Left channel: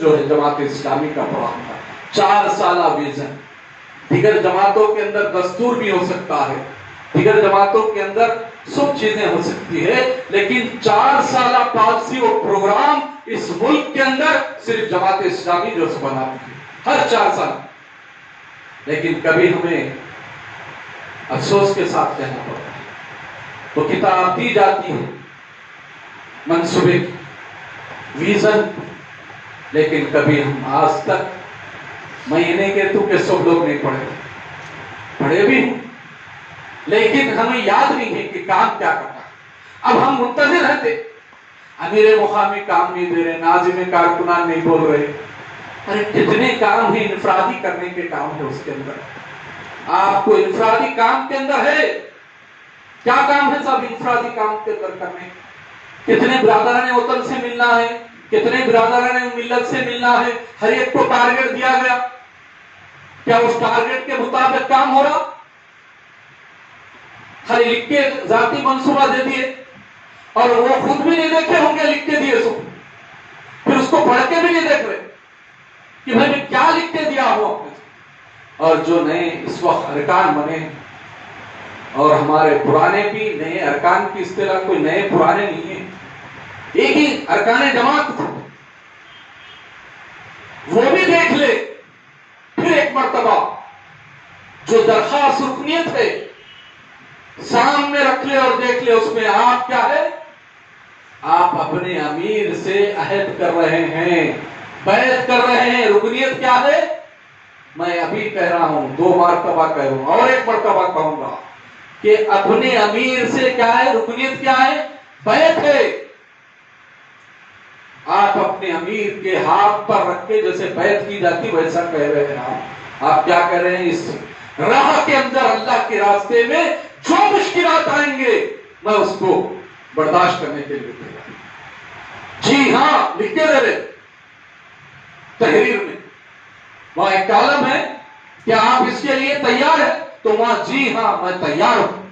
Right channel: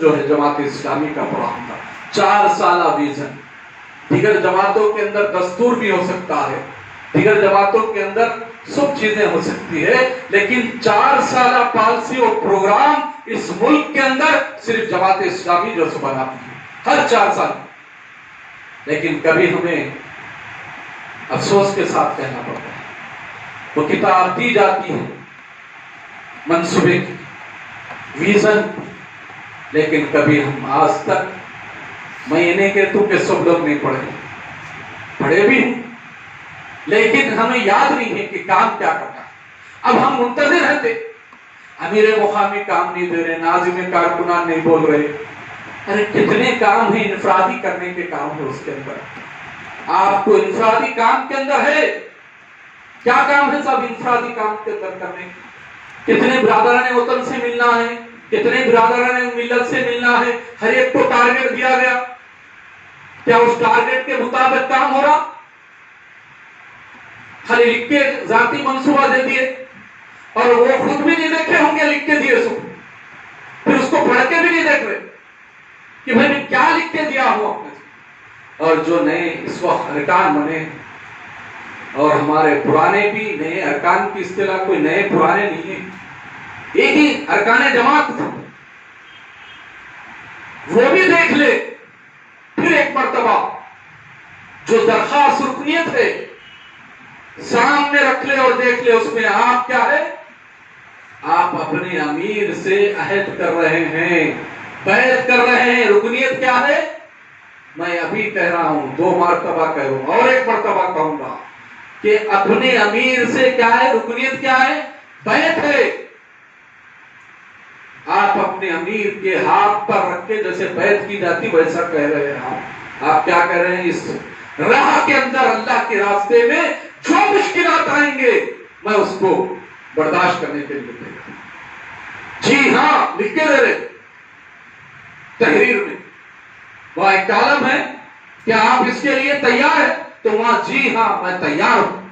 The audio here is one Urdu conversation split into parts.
جو ہے جماعت اسلامی کا پروگرام تھا 4 سالہ ویژن. دیگر جماعتوں کے اندر دستور بھی ہو سکتا ہے, دیگر جماعتوں کے اندر سب چیزیں ہو سکتی ہے, لیکن 4 سالہ پالیسی اور پروگرام اس ملک کے اندر صرف جماعت اسلامی جو بناتی ہے ہر 4 سال. لیکن کبھی ہمیں افسوس کے ساتھ کہنا پڑتا ہے وہ کتاب دی جاتی ہے منصوبے کی, ویژن, لیکن کبھی ہم آج تک مہینے کے تو کہ سب لوگ نہیں پڑھے بھی ہوں, لیکن ہمیں یاد نہیں ہے کہ کام کیا کرنا ہے. اب ہم منتظر رہتے, امیر مقامی کام نہیں دے رہے, ناظم کارکنان نہیں بول رہے. ارے کتنے کام ہیں انفرادی کرنے کے کام ہے اس کے اندر. آپ کو انفرادی کام کے اندر ہے کیا کام ہے صاحب انفرادی کام کے اندر کرنے؟ کتنے برادران وطن سے ملنا ہے, کتنے برادران ملت سے ملنا ہے, ہر ایک کو ٹارگٹ دیا گیا, کیا اس ٹارگٹ کے مطابق کام ہو رہا؟ خالی لکھ کے ذاتی منصوبہ دے دیے اور وہ خود بھی نہیں دیکھے ہوں گے لکھ کے دیے سو, پھر اس کو پڑھ کے بھی نہیں دیکھ رہے کہ میں نے کیا لکھ کے دیا ہوں اپنے. اور جو نئے اس وقت ارکان بنے اور ہمارے پرانے بھی نئے ارکان کی اصطلاح کوئی نئے پرانے نہیں ہیں, ایک ہی ارکان جماعت وہ بھی دیکھ لے پھر ایک مرتبہ جو درخواست رکنیت ہے سامنے رکھ لے اور دیکھ لے اس میں آپ کیا ہے. آپ اپنے امیر سے عہد کر رہے ہیں, بیعت کر رہے ہیں. رکنیت کیا ہے؟ میں ابھی کہہ رہا ہوں, 2 مرتبہ کہوں اور 1 مرتبہ کہوں گا کہ اپنے امیر سے کیا ہے, رکنیت کیا ہے, بیعت ہے. آپ اپنے امیر کے ہاتھ پر رکھ کے جیسے بیعت کی جاتی ویسا کہہ رہے ہیں. آپ کیا کہہ رہے ہیں؟ اس راہ کے اندر اللہ کے راستے میں جو مشکلات آئیں گے میں اس کو برداشت کرنے کے لیے تیار ہوں. جی ہاں لکھ کے دے رہے تحریر میں وہاں ایک کالم ہے کہ آپ اس کے لیے تیار ہیں, تو وہاں جی ہاں میں تیار ہوں.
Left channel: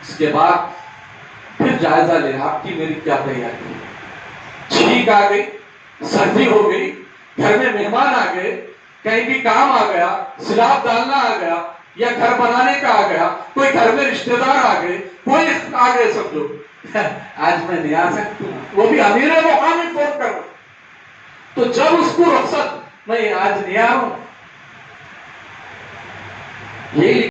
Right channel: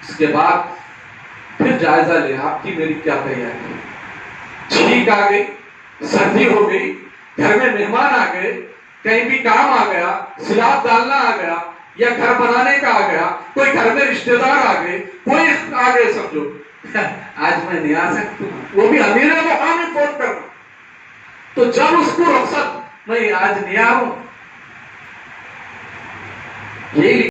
اس کے بعد پھر جائزہ لیں آپ کی میری کیا تیاری ہے. چھینک آ گئی, سردی ہو گئی, گھر میں مہمان آ گئے, کہیں بھی کام آ گیا, سلاب ڈالنا آ گیا یا گھر بنانے کا آ گیا, کوئی گھر میں رشتہ دار آ گئے, کوئی آ گئے, سب لوگ آج میں نہیں آ سکتی ہوں, وہ بھی امیر مقامی فون کرنا. تو جب اس کو رخصت میں آج نہیں آ رہا ہوں, یہی